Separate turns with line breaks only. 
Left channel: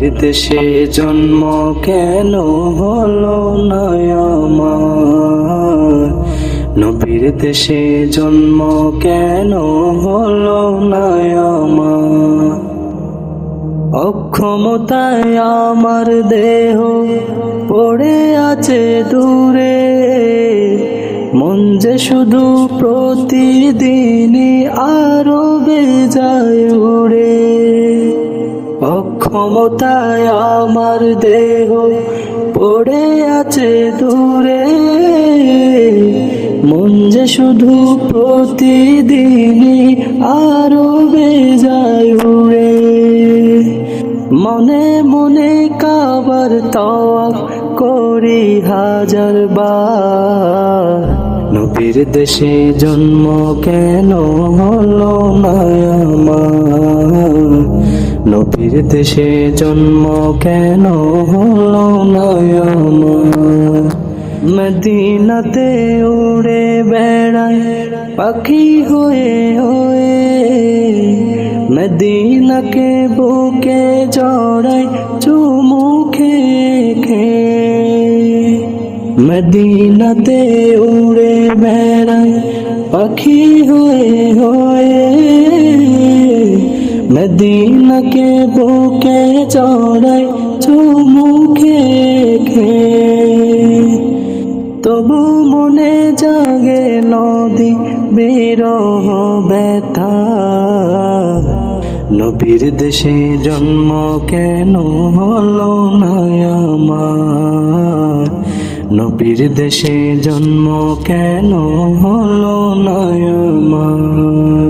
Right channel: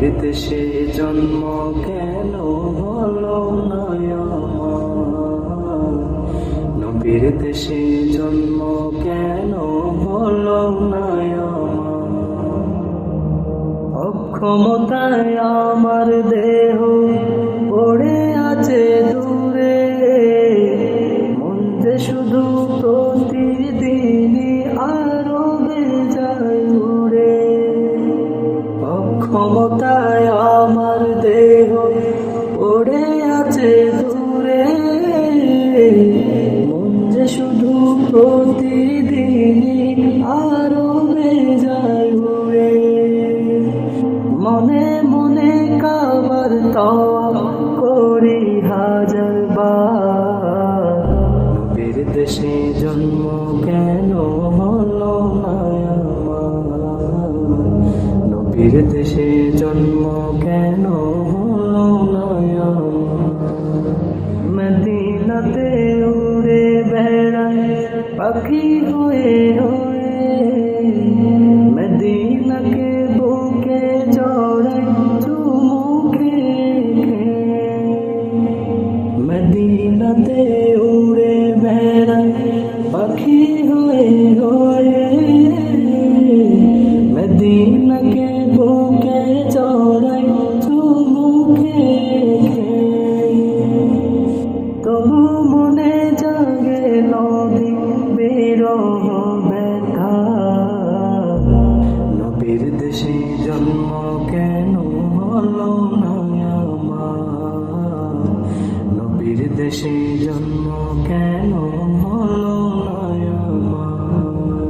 নবীর দেশে জন্ম কেন হলো না নবীর দেশে জন্ম কেন হলো না অক্ষমতায় আমার দেহ পড়ে আছে দূরে, মন যে শুধু প্রতিদিনই অক্ষমতায় আমার দেহ পড়ে আছে দূরে। মন যে শুধু প্রতিদিনই আরও বেজায় উড়ে মনে মনে কাবার তওয়াফ করি হাজার বার। নবীর দেশে জন্ম কেন হলো না আমার নবীর দেশে জন্ম কেন হলো না আমার মদিনাতে উড়ে বেড়ায় পাখি হয়ে হয়ে। মদিনাকে বুকে জড়াই চুমু খেয়ে। মদিনাতে উড়ে বেড়ায় মদিনাকে বুকে জড়াই চুমু খেয়ে তবু মনে জাগে নদী বিরহ ব্যথা। নবীর দেশে জন্ম কেন হলো না আমার? নবীর দেশে জন্ম কেন হলো না আমার?